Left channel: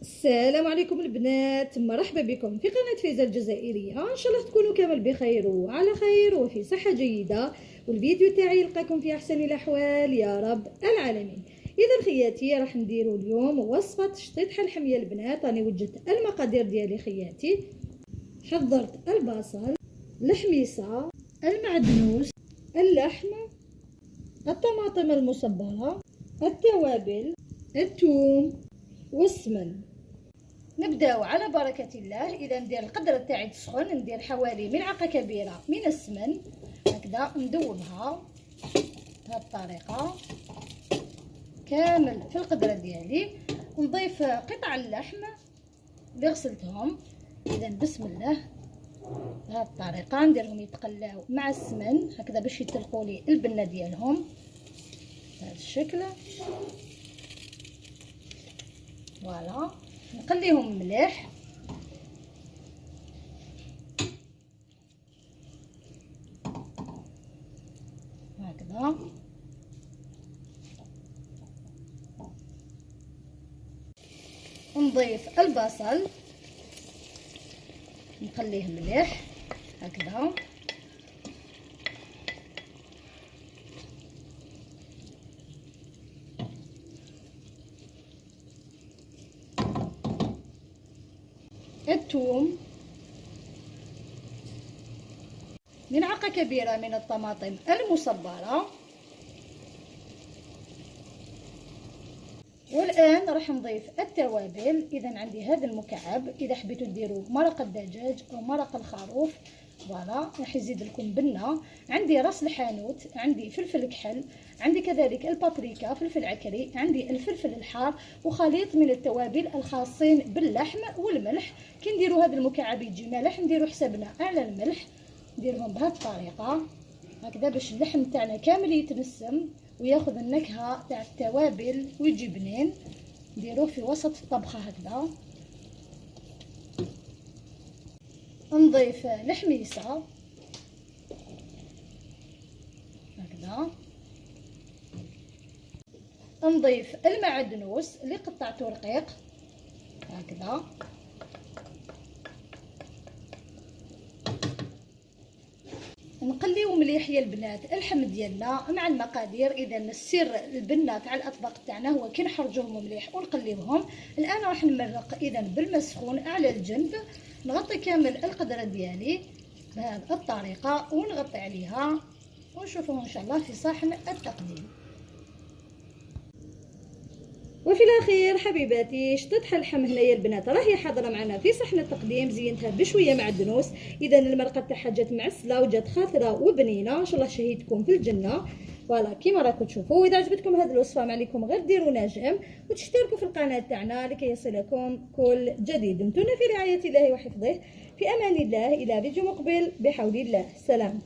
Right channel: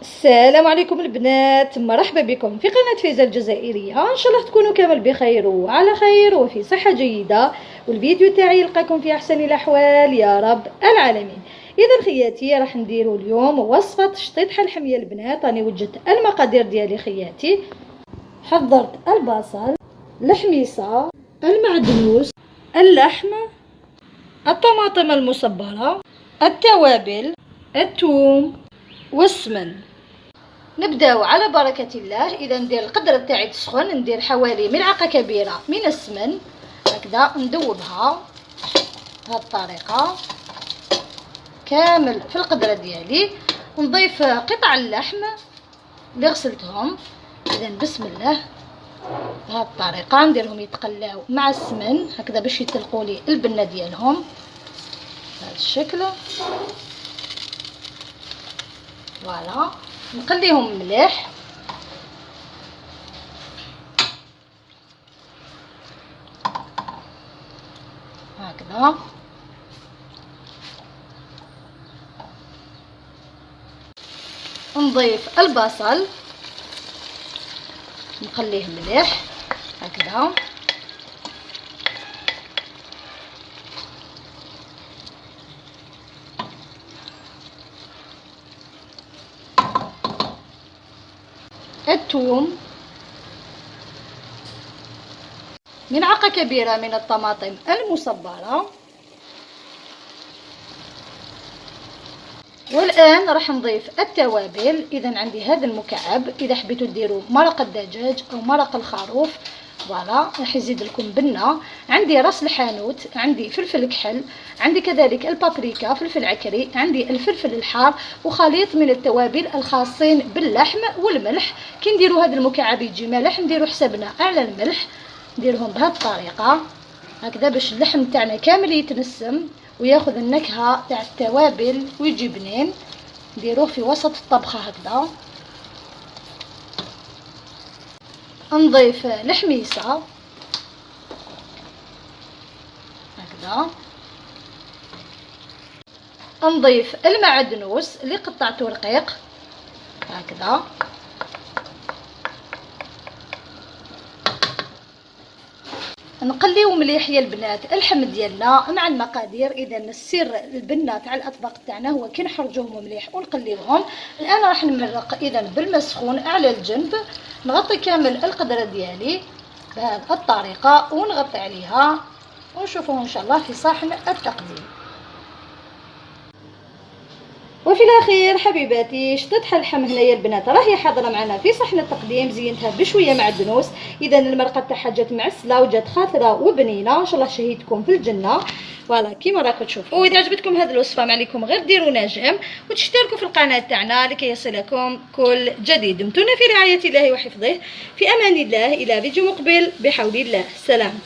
السلام عليكم البنات، مرحبا بكم في قناة فايزة الجزائرية. ان شاء الله تكونوا كامل بخير وعلى خير وفي صحة جيدة، والفيديو تاعي يلقاكم في احسن الاحوال يا رب العالمين. اذا خياتي راح نديروا اليوم وصفة شطيط الحمية البنات. راني وجدت المقادير ديالي خياتي. حضرت البصل، الحميصة، المعدنوس، اللحم، الطماطم المصبرة، التوابل، الثوم والسمن. نبداو على بركة الله. اذا ندير القدر تاعي تسخن، ندير حوالي ملعقة كبيرة من السمن، هكذا ندوبها بهذه الطريقة كامل في القدرة ديالي. ونضيف قطع اللحم اللي غسلتهم. اذا بسم الله بهذه الطريقة نديرهم يتقلاو مع السمن هكذا باش يتلقوا لي البنة ديالهم بهذا الشكل. فوالا نقليهم مليح هكذا. نضيف البصل نقليه مليح هكذا. الثوم، ملعقة كبيرة من الطماطم المصبرة. والآن راح نضيف التوابل. إذا عندي هذا المكعب، إذا حبيتوا ديروا مرق الدجاج أو مرق الخروف فوالا راح يزيد لكم بنة. عندي راس الحانوت، عندي فلفل كحل، عندي كذلك البابريكا، فلفل عكري، عندي الفلفل الحار، وخليط من التوابل الخاصين باللحم والملح. كي نديروا هذا المكعب يجي مالح نديروا حسابنا على الملح، نديرهم بهذه الطريقة هكذا باش اللحم تاعنا كامل يتنسم وياخذ النكهة تاع التوابل ويجي بنين. نديروه في وسط الطبخة هكذا. نضيف الحميصة هكذا. نضيف المعدنوس اللي قطعته رقيق هكذا. نقليو مليح يا البنات اللحم ديالنا مع المقادير. اذا السر البنه تاع الاطباق تاعنا هو كي نحرجوهم مليح ونقليوهم. الان راح نمرق اذا بالماء سخون على الجنب. نغطي كامل القدره ديالي بهذه الطريقه ونغطي عليها ونشوفوه ان شاء الله في صحن التقديم. وفي الاخير حبيباتي شطيط اللحم هنايا البنات راهي حاضره معنا في صحن التقديم. زينتها بشويه معدنوس. اذا المرقه تاعها جات معسله وجات خاطره وبنينه. ان شاء الله شهيتكم في الجنه فوالا كيما راكم تشوفوا. واذا عجبتكم هذه الوصفه ما عليكم غير ديروا نجم وتشتركوا في القناه تاعنا لكي يصلكم كل جديد. دمتم في رعايه الله وحفظه. في امان الله. الى فيديو مقبل بحول الله. سلام.